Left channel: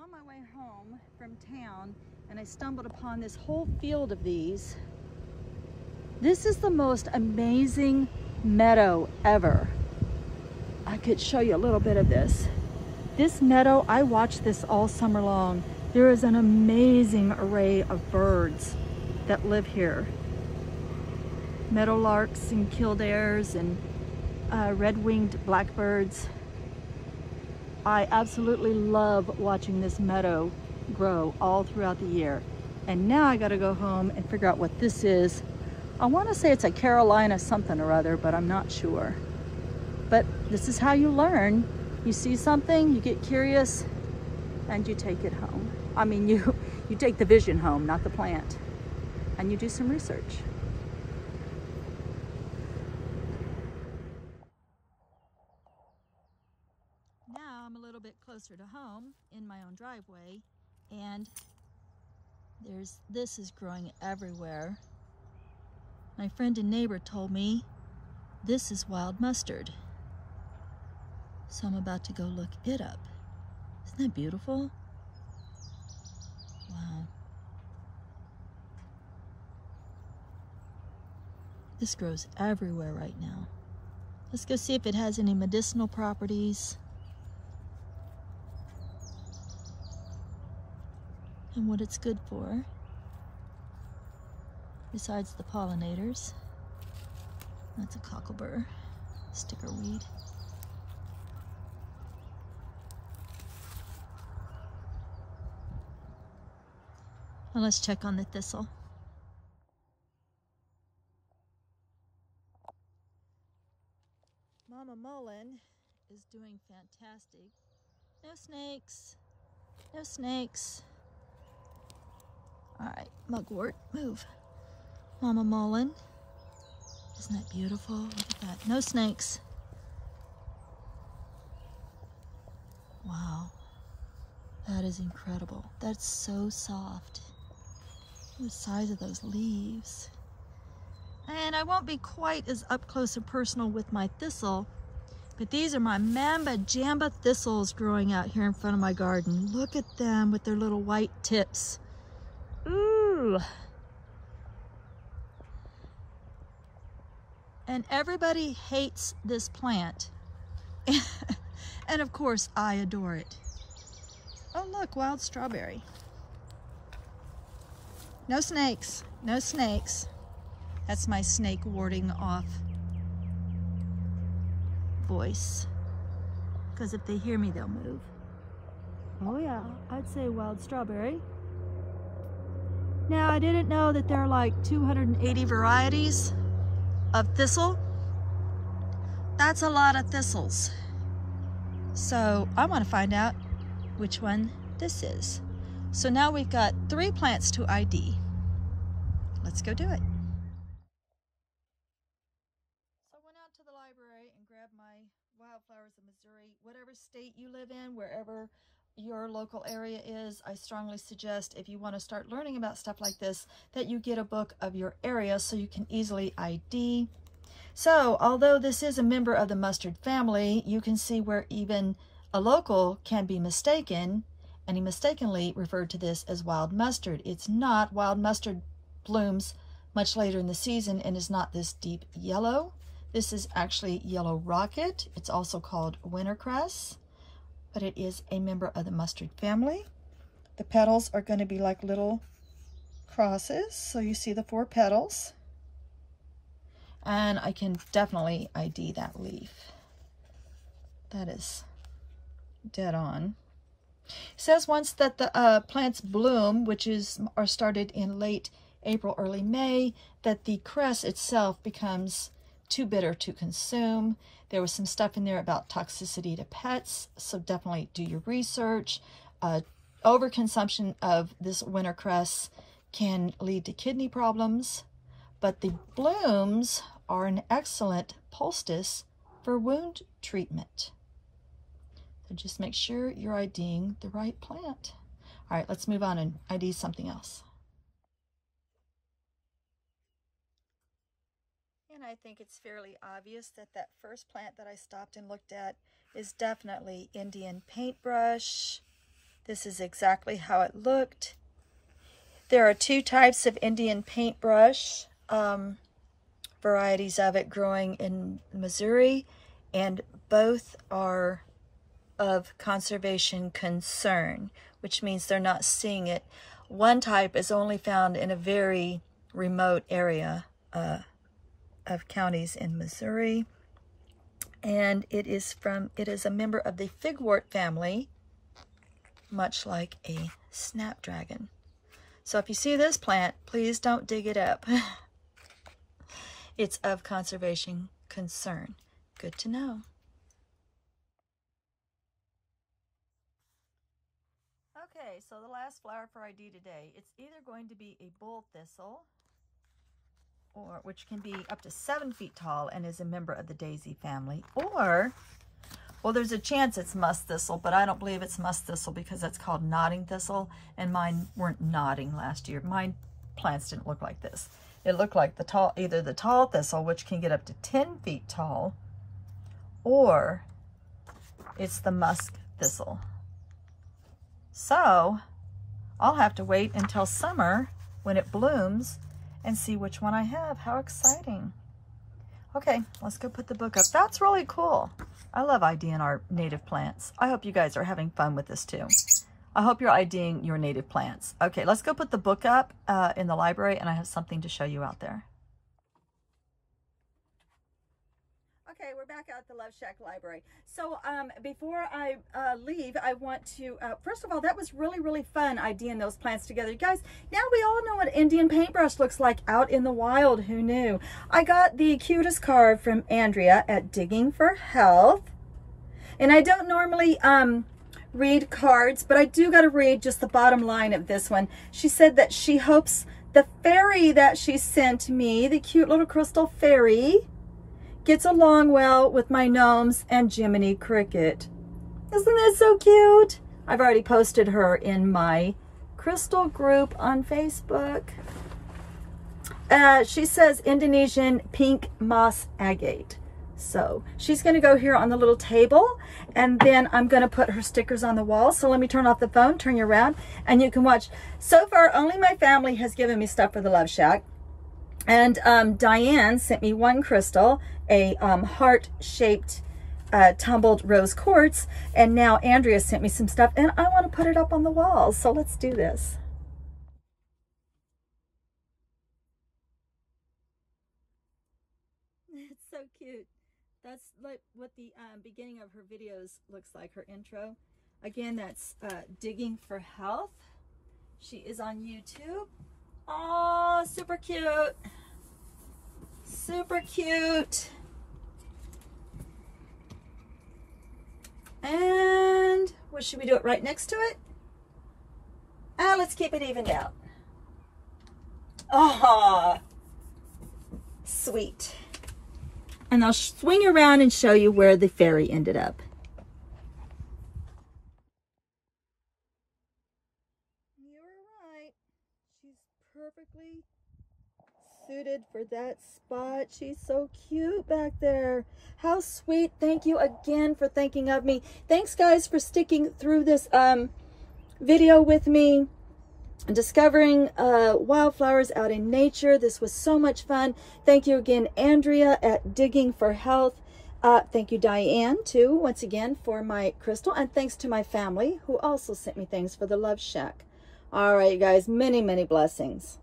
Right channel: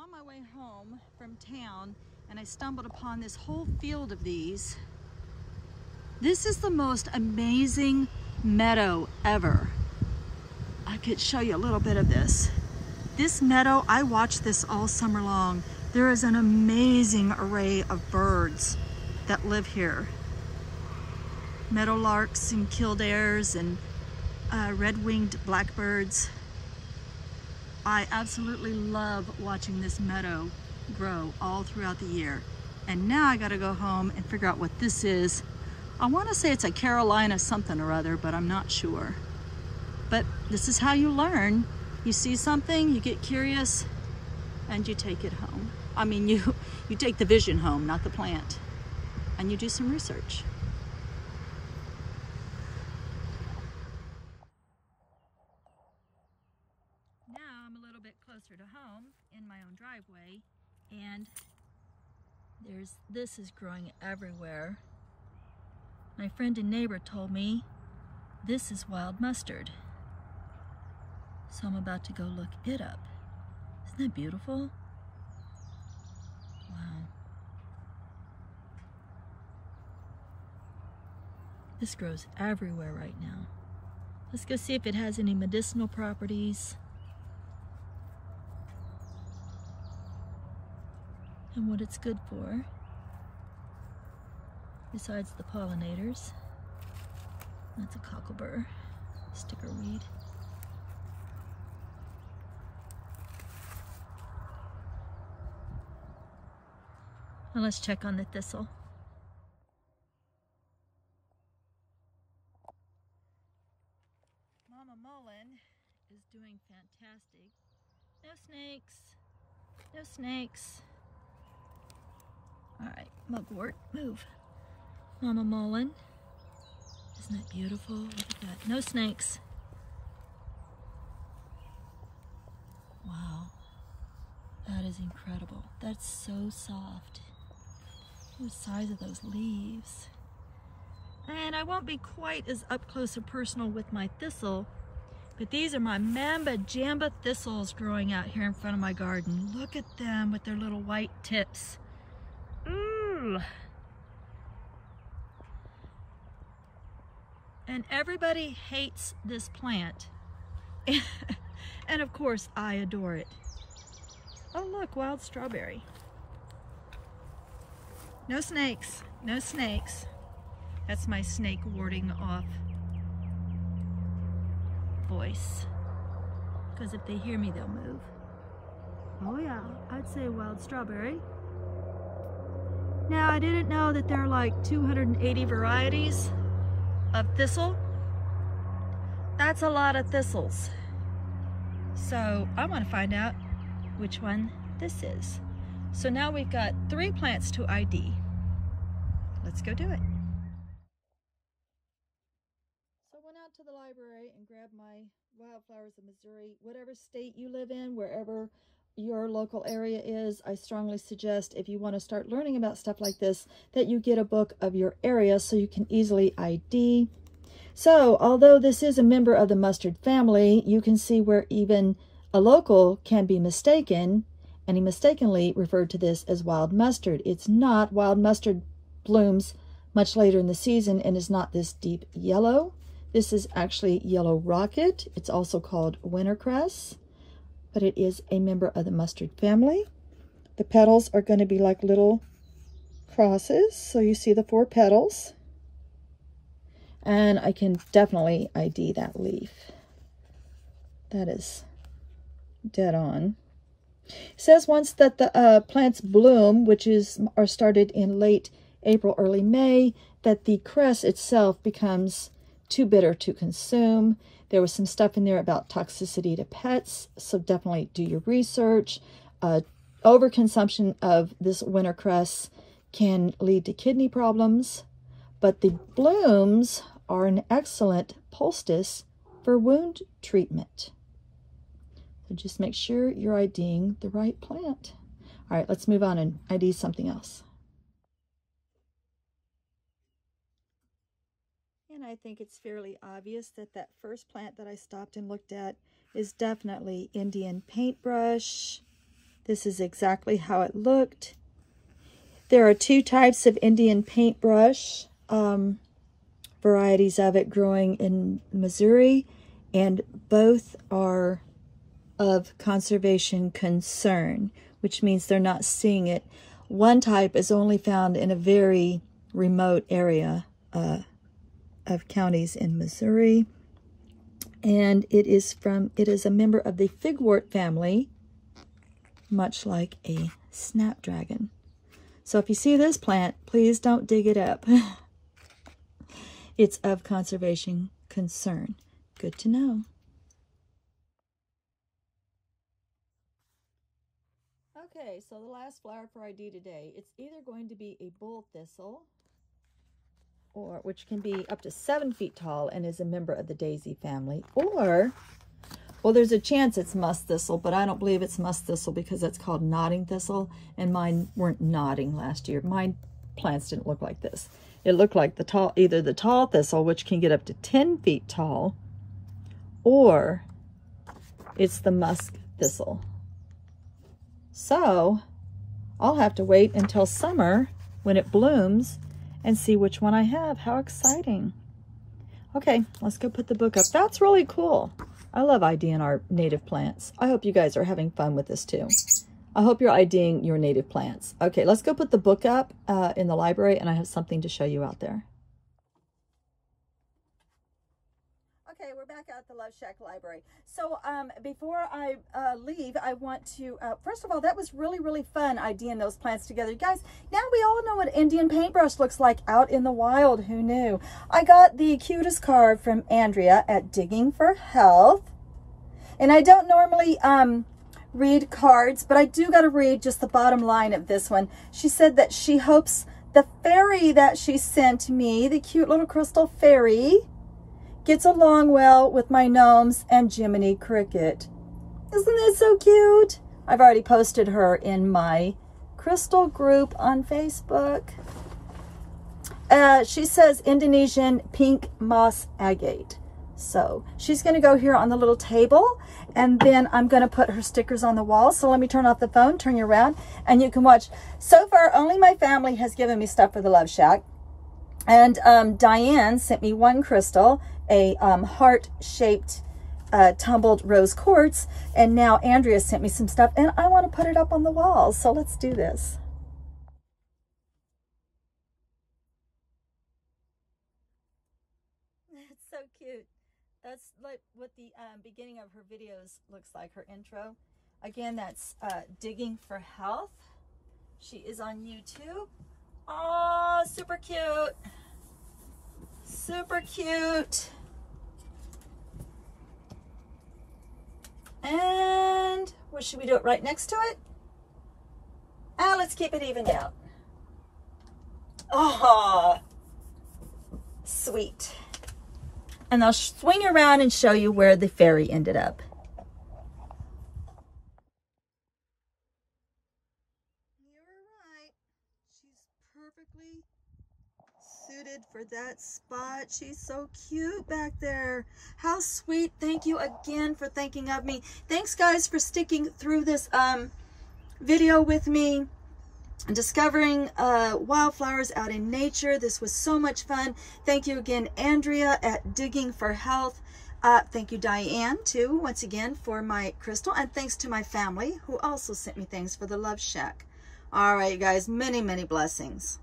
On my way home from town, and I stumbled upon this whole field of these. This is the most amazing meadow ever. I could show you a little bit of this. This meadow, I watched this all summer long. There is an amazing array of birds that live here. Meadowlarks and kildares and red-winged blackbirds. I absolutely love watching this meadow grow all throughout the year. And now I gotta go home and figure out what this is. I wanna say it's a Carolina something or other, but I'm not sure. But this is how you learn. You see something, you get curious, and you take it home. I mean, you take the vision home, not the plant. And you do some research. Now I'm a little bit closer to home in my own driveway, and this is growing everywhere. My friend and neighbor told me this is wild mustard. So I'm about to go look it up. Isn't that beautiful? Wow. This grows everywhere right now. Let's go see if it has any medicinal properties. And what it's good for, besides the pollinators. That's a cocklebur, stickerweed. And let's check on the thistle. Mama Mullen is doing fantastic. No snakes, no snakes. All right, mugwort, move. Mama Mullen. Isn't that beautiful? Look at that. No snakes. Wow. That is incredible. That's so soft. Look at the size of those leaves. And I won't be quite as up close and personal with my thistle, but these are my mamba jamba thistles growing out here in front of my garden. Look at them with their little white tips. Ooh. And everybody hates this plant. And of course, I adore it. Oh look, wild strawberry. No snakes, no snakes. That's my snake warding off voice. Because if they hear me, they'll move. Oh yeah, I'd say wild strawberry. Now, I didn't know that there are like 280 varieties of thistle. That's a lot of thistles. So I want to find out which one this is. So now we've got 3 plants to ID. Let's go do it. So I went out to the library and grabbed my Wildflowers of Missouri. Whatever state you live in, wherever your local area is, I strongly suggest, if you want to start learning about stuff like this, that you get a book of your area so you can easily ID. So although this is a member of the mustard family, you can see where even a local can be mistaken, and he mistakenly referred to this as wild mustard. It's not. Wild mustard blooms much later in the season and is not this deep yellow. This is actually yellow rocket. It's also called wintercress, but it is a member of the mustard family. The petals are going to be like little crosses, so you see the 4 petals. And I can definitely ID that leaf. That is dead on. It says once that the plants bloom, which are started in late April, early May, that the cress itself becomes too bitter to consume. There was some stuff in there about toxicity to pets, so definitely do your research. Overconsumption of this wintercress can lead to kidney problems, but the blooms are an excellent poultice for wound treatment. So just make sure you're IDing the right plant. All right, let's move on and ID something else. And I think it's fairly obvious that that first plant that I stopped and looked at is definitely Indian paintbrush. This is exactly how it looked. There are 2 types of Indian paintbrush, varieties of it growing in Missouri, and both are of conservation concern, which means they're not seeing it. One type is only found in a very remote area of counties in Missouri, and it is a member of the figwort family, much like a snapdragon. So if you see this plant, please don't dig it up. It's of conservation concern. Good to know. Okay, so the last flower for ID today, it's either going to be a bull thistle, or which can be up to 7 feet tall and is a member of the daisy family, or, well, there's a chance it's musk thistle, but I don't believe it's musk thistle because it's called nodding thistle, and mine weren't nodding last year. Mine plants didn't look like this. It looked like either the tall thistle, which can get up to 10 feet tall, or it's the musk thistle. So I'll have to wait until summer when it blooms and see which one I have. How exciting. Okay, let's go put the book up. That's really cool. I love IDing our native plants. I hope you guys are having fun with this too. I hope you're IDing your native plants. Okay, let's go put the book up in the library, and I have something to show you out there. Okay, we're back at the Love Shack Library. So before I leave, I want to, first of all, that was really, really fun IDing those plants together. You guys, now we all know what Indian paintbrush looks like out in the wild. Who knew? I got the cutest card from Andrea at Digging for Health. And I don't normally read cards, but I do got to read just the bottom line of this one. She said that she hopes the fairy that she sent me, the cute little crystal fairy, gets along well with my gnomes and Jiminy Cricket. Isn't that so cute? I've already posted her in my crystal group on Facebook. She says Indonesian pink moss agate. So she's going to go here on the little table, and then I'm going to put her stickers on the wall. So let me turn off the phone, turn you around, and you can watch. So far, only my family has given me stuff for the Love Shack. And Diane sent me one crystal, a heart-shaped tumbled rose quartz, and now Andrea sent me some stuff, and I want to put it up on the wall. So let's do this. It's so cute. That's like what the beginning of her videos looks like, her intro. Again, that's Digging for Health. She is on YouTube. Oh, super cute. Super cute. And what should we do it right next to it? Let's keep it evened out. Oh, sweet. And I'll swing around and show you where the fairy ended up. You're right. She's perfectly suited for that spot. She's so cute back there. How sweet. Thank you again for thinking of me. Thanks, guys, for sticking through this video with me. Discovering wildflowers out in nature. This was so much fun. Thank you again, Andrea at Digging for Health. Thank you, Diane, too, once again, for my crystal. And thanks to my family, who also sent me things for the Love Shack. All right, you guys, many, many blessings.